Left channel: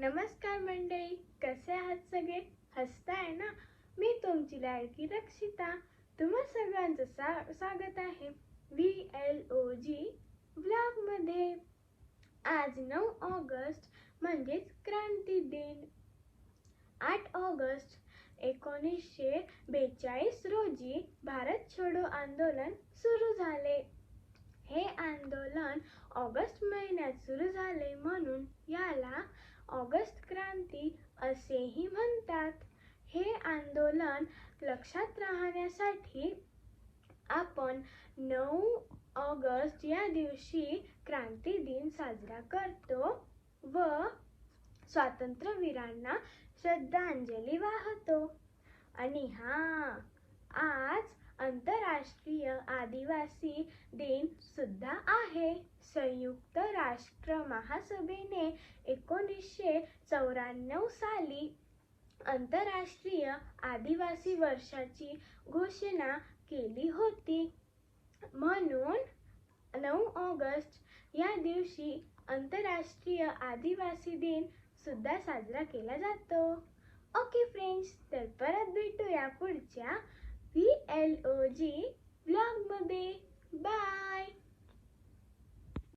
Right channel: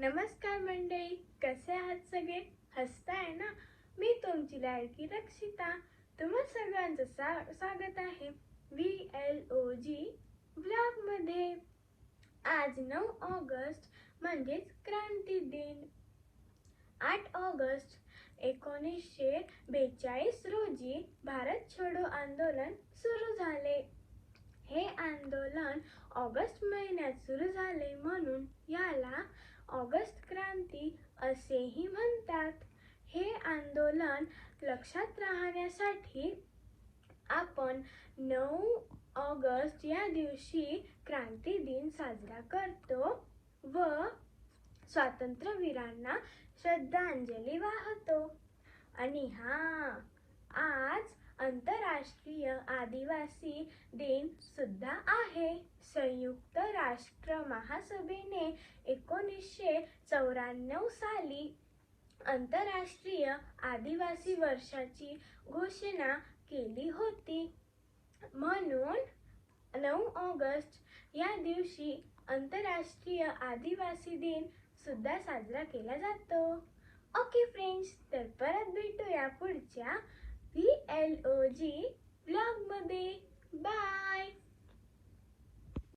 नमस्कार मंडळी, कसे आहात सगळे? हसताय ना? मी तुमची लाडकी रक्षिता. तुम्हा सगळ्यांचं स्वागत आहे VLOG व्लॉग मध्ये. आज 9 ऑगस्ट म्हणजेच क्रांती दिन. 8 ऑगस्ट 1942 रोजी भारत छोडो आंदोलन सुरू झाले. हे आंदोलन ऑगस्ट महिन्यात सुरू झाले म्हणून याला ऑगस्ट क्रांती असेही म्हणतात. हे आंदोलन लक्षात राहण्यासाठी आपण 9 ऑगस्ट या दिवशी क्रांती दिन साजरा करतो व स्वातंत्र्यवीरांना श्रद्धांजली वाहतो. आणि आज आंतरराष्ट्रीय आदिवासी दिन सुद्धा आहे. संयुक्त राष्ट्र महासभेने 1994 साली आंतरराष्ट्रीय आदिवासी वर्षाची घोषणा केली होती. म्हणून 9 ऑगस्ट या दिवशी आंतरराष्ट्रीय आदिवासी दिन सुद्धा साजरा केला जातो. ओके फ्रेंड्स, तर परत भेटूया पुढच्या VLOG व्लॉग मध्ये. बाय.